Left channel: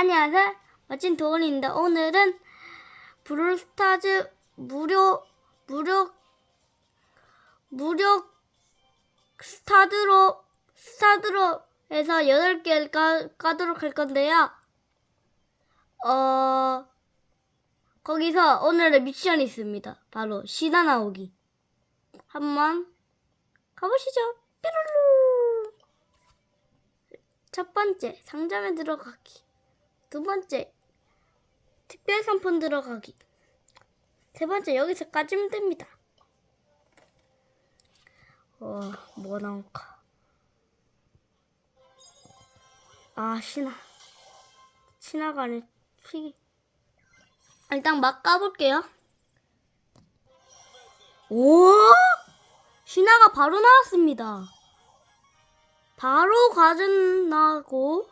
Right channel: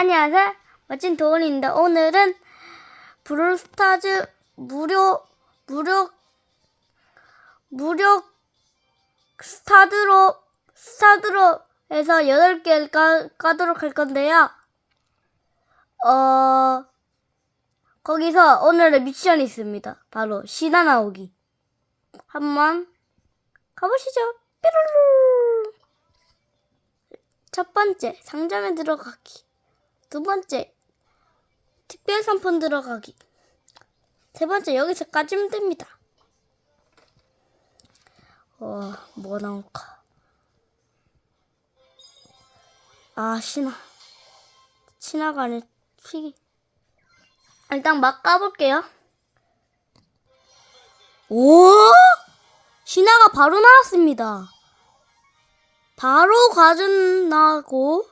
안녕하세요. 멋진 도원입니다. 오늘은 브롤스타즈 무료 무료 무료 스타드로 스타드로 해서 8개를 까, 까도록 할 건데요. 어 거기서 오늘의 미션이 있습니다. 바로 신화 나오기. 한번 가보시죠. 삐루루. 첫 번째 상점에 들어가기. 두 번째 특별 상품 들어가기. 세 번째 여기서 까지면 됩니다. 어, 뭐 나올까? 아, 신화. 신화가 아니, 튀기. 일단 막 까볼게요. 오! 신화가 바로 나왔습니다. 바로 과전 나고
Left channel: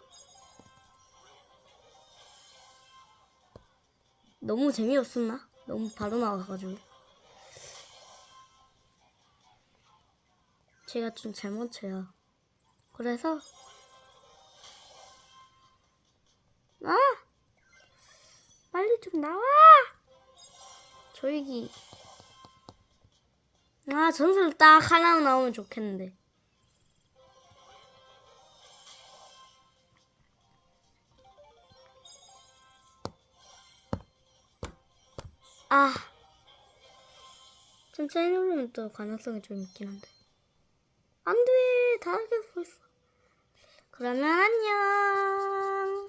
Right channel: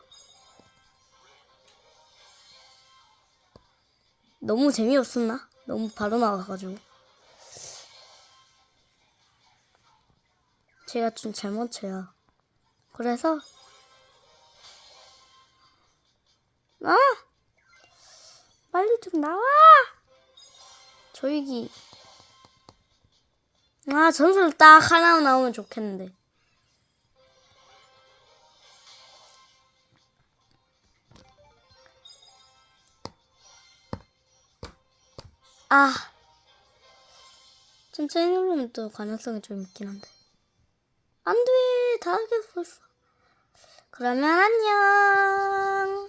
너무 재미없었나? 너무 바로 나와가지고. 제가 좀 잘못해요. 그래서 아 빨리 좀 나와! 조이기. 아 전설 딱 하나 나오면 좋겠는데 아. 천천히 누르면 또 가능성이 좀 있긴 한데. 안돼 다 하겠어. 벌써 그러면 안녕